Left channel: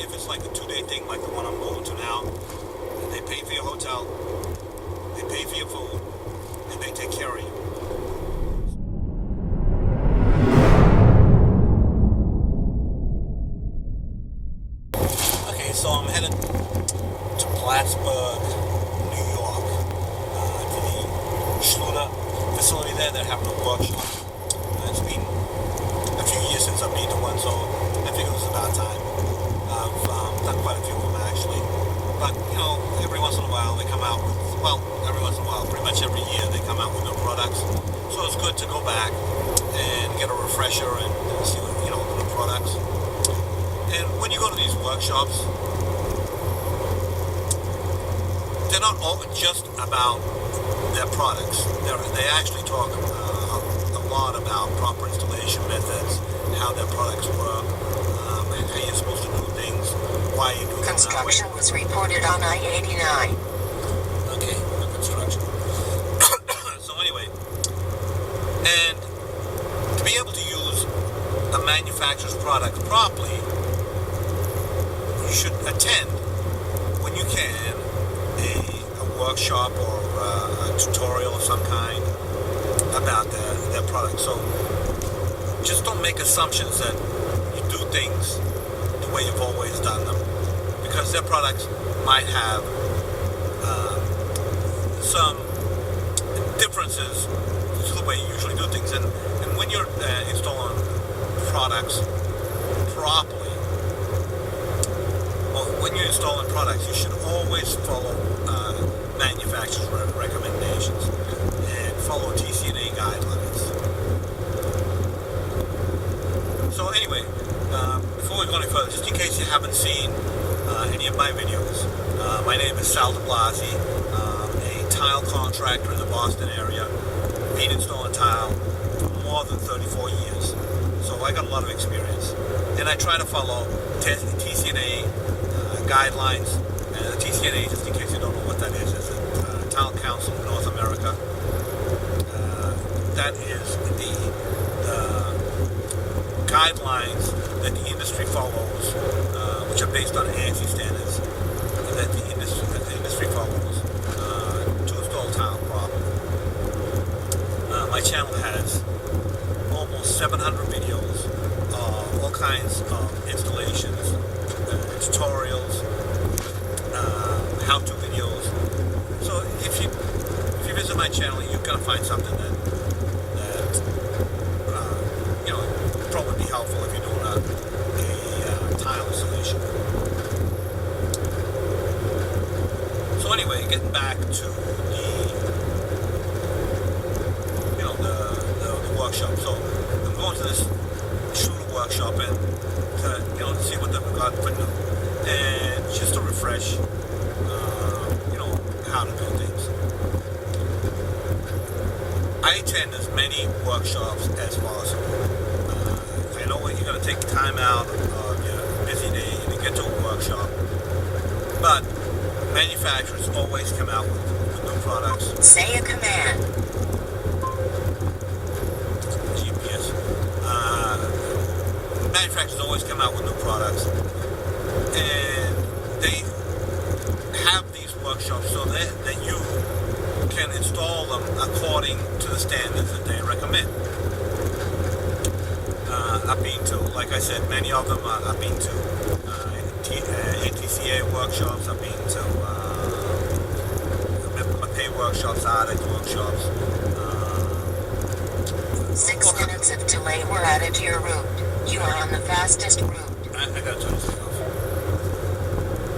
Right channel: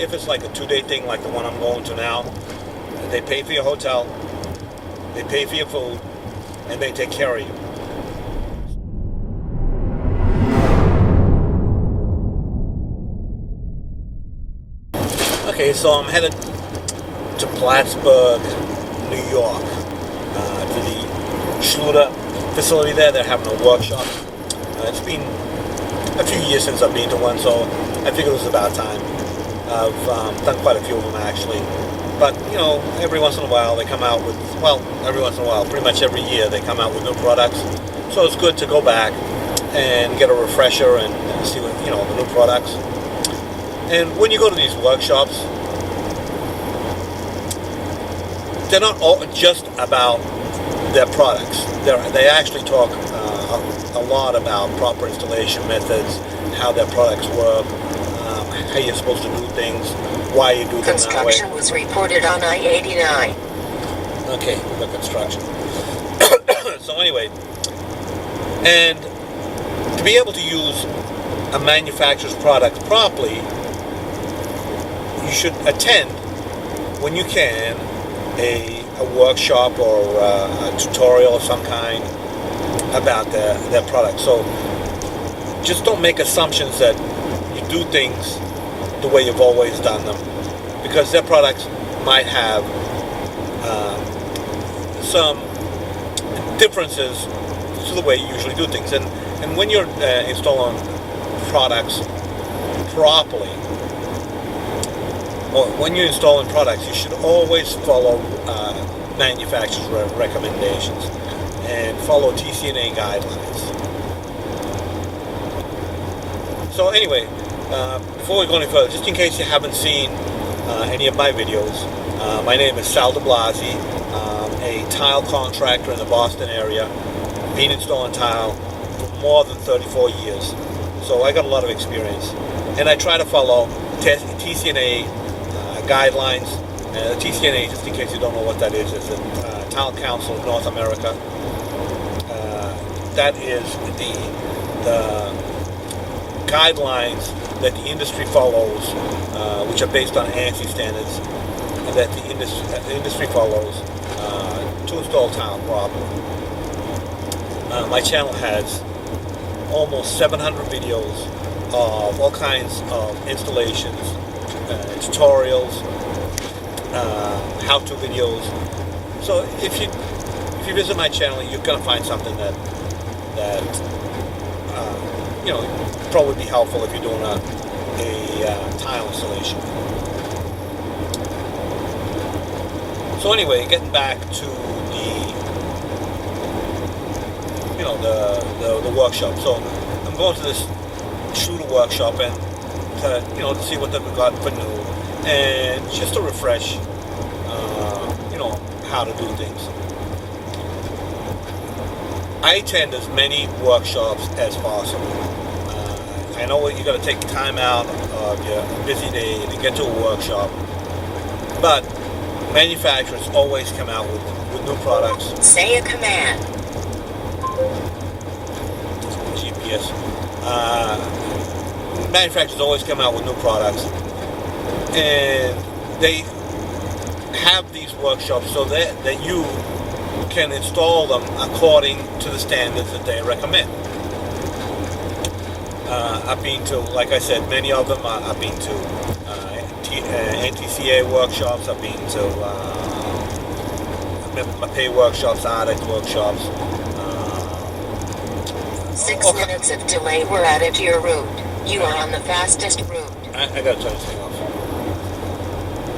if it's like a 2-day thing like the one I'm going to now, they pay for your hotel, they pay for your food, and they take care of you. Okay, so I'm headed to Plattsburgh, New York, to the Schluter facility there. They're having a workshop. It's been a few years since I've been to one, so I figured it was about time. I've done quite a few of them actually. But, you know, every once in a while they come out with, well, every once in a while, pretty much every year they come out with new products. So it's good to go back and get a refresher and see what, you know, the new products. And when you go to these workshops, they're not all just about their products. They actually talk a lot about proper installation methods, how their products work, how you're supposed to do things, why you do them that way. Construction was reported on I-89. Okay, the construction. So anyway, and to be able to use a manufacturer's product properly, you should attend, when you can, a workshop or a tutorial of some kind about their product. So just don't make assumptions that you do things the way you've always done them, because their products might have some differences to the way you usually do things. And when you're installing products properly, or when you're installing products, you should always follow manufacturer's recommendations and follow TCNA guidelines. So anyway, before we go any further, just in case you haven't seen any of my videos, my name is Sal de Blasi, a tile contractor in the Boston area, been installing tile for more than 34 years. So I got a lot of experience. And I try to follow TCNA guidelines. The TCNA, just in case you don't know what that is the Tile Council of North America. That is the guidelines that the industry follows, which are based on ANSI standards, and that the industry follows to install tile properly. My channel has almost 700 videos of all kinds of installations, tutorials, how-to videos. So if you visit my channel, you're going to find something that you know, probably be helpful if you're doing a tile installation. So anyway, getting back to the workshop. So I'm going to this Schluter workshop and to see what they've got for new, and just to refresh how to do things. I attend as many workshops as possible. I know you got to take time out of your busy day to get to a workshop, but manufacturers always come out with new products. Say a command. GPS. Manufacturers always come out with new products, and they have these workshops so that you can install them according to the standards that they recommend. I've been to, like I said, many of them. I've been to NTCA workshops. I've been to pay workshops, ARDEX workshops. 6 minutes of delay were added to your route. You are on the fastest route. I gotta turn this thing off.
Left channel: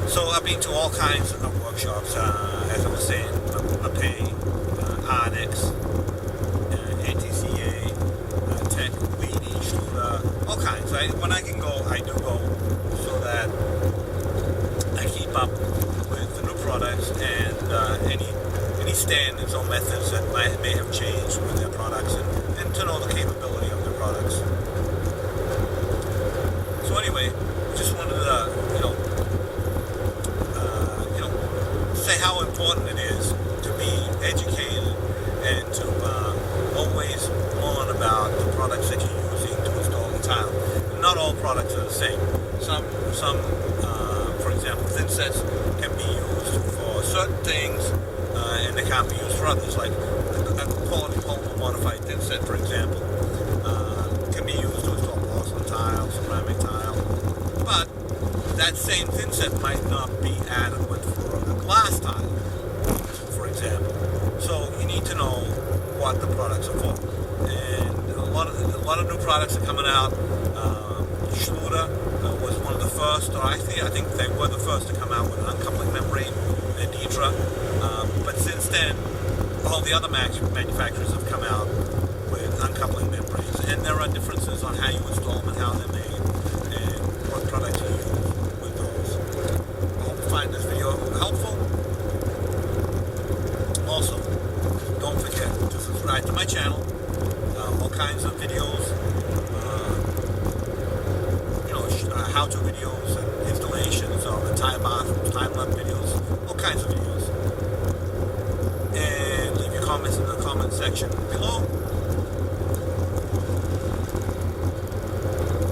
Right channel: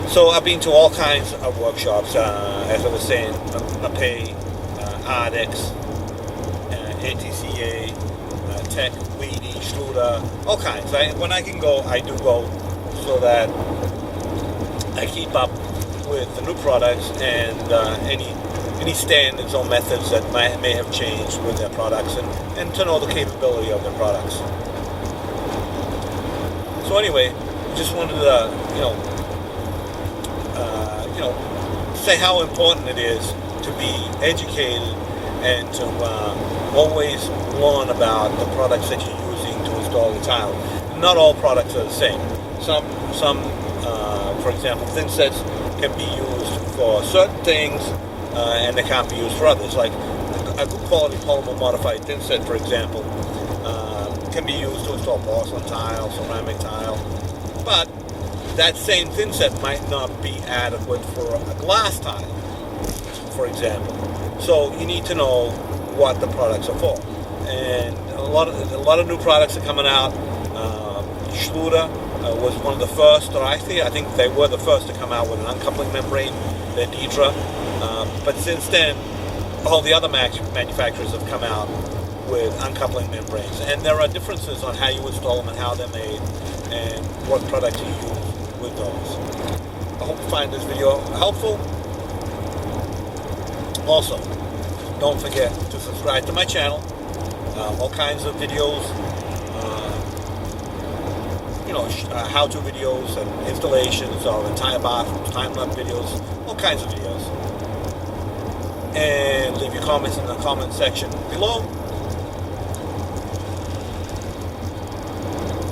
So I've been to all kinds of workshops, as I was saying, pay, ARDEX, NTCA, Tech, Weedy, Schluter, all kinds. When I can go, I do go, so that I keep up with the new products and any standards or methods that may have changed with their products, and to know the capability of their products. So anyway, just wanted to say how important it is to be educated and to always learn about the products that you're using to install the tile. Not all products are the same. Some for example, thin sets can be used for certain things, and they can't be used for others. Like a good quality polymer modified thin set, for example, can be used to install porcelain tile, ceramic tile, but that same thin set might not be adequate for a glass tile, for example. So you need to know what the products are for. And a lot of new products are coming out. Schluter was one of the first, or actually I think they were the first to come out with an uncoupling membrane, the Deidre. But since then, all the other manufacturers have come out with uncoupling membranes. And there are differences on how you install them and how they're made and what products you use with those. I hope you find this video helpful. Also, don't forget to subscribe to my channel. All kinds of videos, how-to videos and installations of entire bathrooms, time-lapse videos, all kinds of videos. And leave your comments in the comment section below.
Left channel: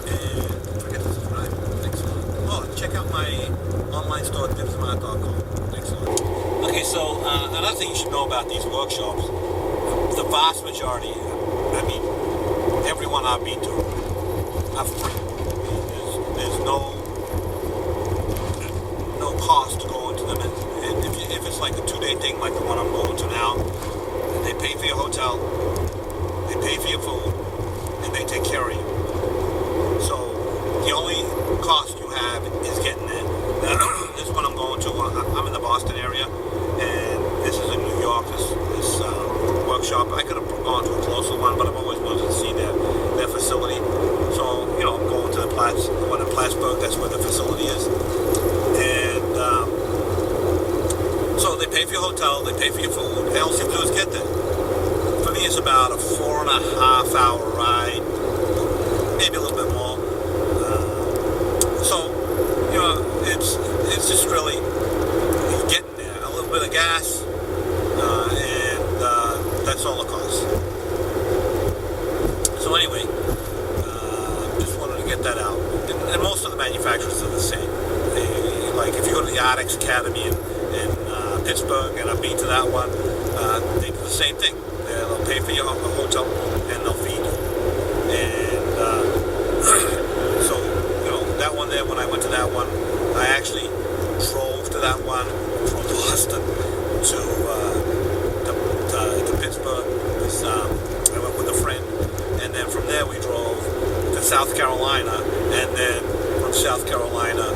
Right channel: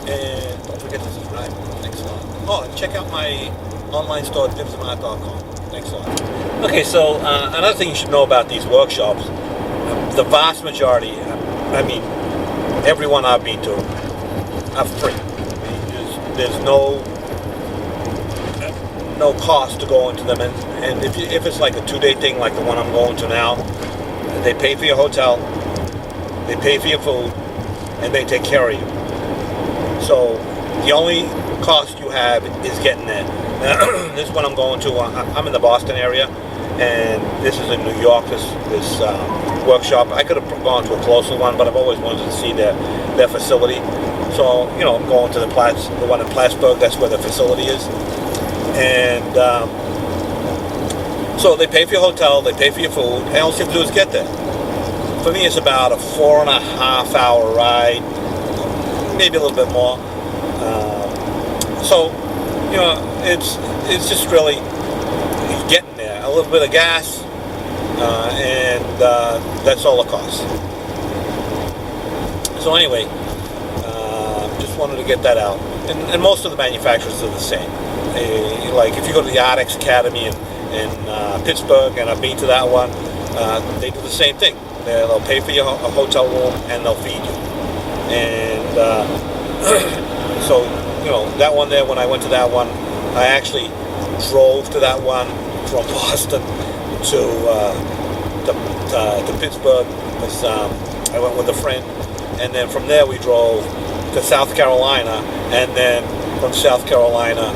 And don't forget to subscribe. Thanks a lot. Oh, and check out my online store, dibsandart.com. Thanks a lot. Okay, so another thing you should know about these workshops, the vast majority, I mean, everyone I've been to are free. There's no cost to go into them, and if it's like a 2-day thing like the one I'm going to now, they pay for your hotel, they pay for your food, and they take care of you. So the only cost you have is getting there. This is what I'm going to. I'm in the Boston area, and this is in New York, this workshop. I could have gone to a closer one, but I've always wanted to see their facility. So, I'm going to the one in Plattsburgh. That's where the facility is. And so they pay for your hotel, they pay for your food, and all you have to do is get there. For me, it's about a 4.5-hour ride, maybe a little bit more. So, it's just really getting there. A little bit of gas, and that's all it costs. So anyway, just wanted to get that out. And most of the manufacturers are the same. Like if you go to the Artex Academy in Pittsburgh, and I've been to that one, they do the same thing. They'll pay for your hotel room and they'll feed you. And so, that one there, when I went to that one, I actually drove to that one from Boston to Pittsburgh. I went with a friend, and then from there we drove to South Carolina, and then from South Carolina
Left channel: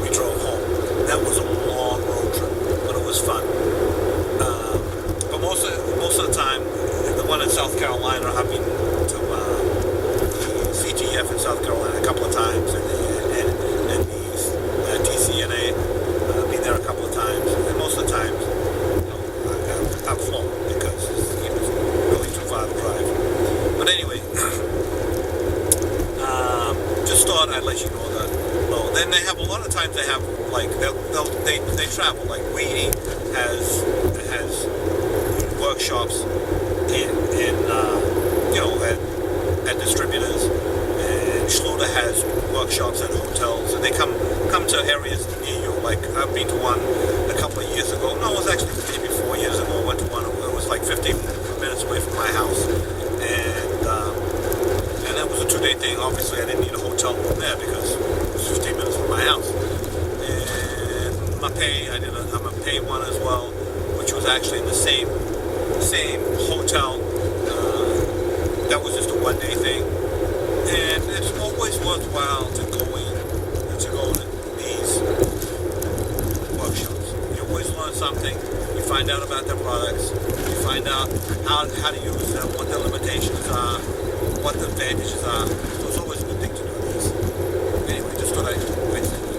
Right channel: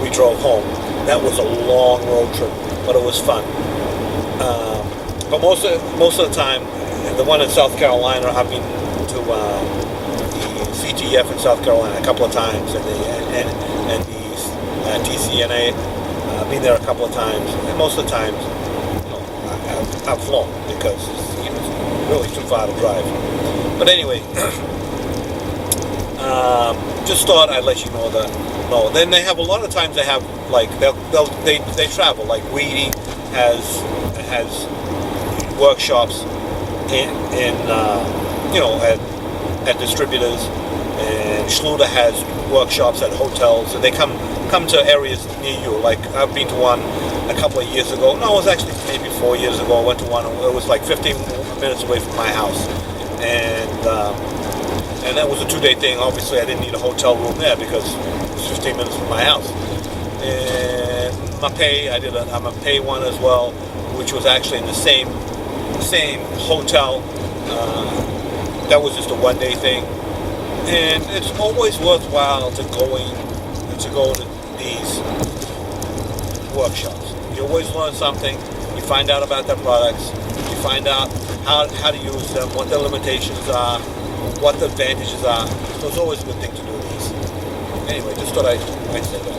we drove home. That was a long road trip, but it was fun. But most of the time, the one in South Carolina, I've been to the CTF in South Carolina a couple of times, and the TCNA. I've been there a couple of times, and most of the times, I've flown because it's really too far to drive. But anyway, just thought I'd let you know that. No, then they have a lot of times they have like they travel. Like Weedy has workshops at distributors, and Schluter has workshops at hotels, and they come to areas near you. Like I've been to one a couple of years ago. No, it was actually maybe 4 years ago. I went to one. It was like 15 minutes away from my house, and that was a 2-day thing. Obviously, I didn't need a hotel room there because it was 15 minutes from my house. And Mapei, I'm a pay one as well, which was actually in the same hotel. That was just a 1-day thing, and it's always worthwhile to go to these workshops. You always learn something. You find out about their products. You find out how to use them, what their limitations are, what the advantages are. So it's always a good thing to do these. Anyway, just thought I'd say that.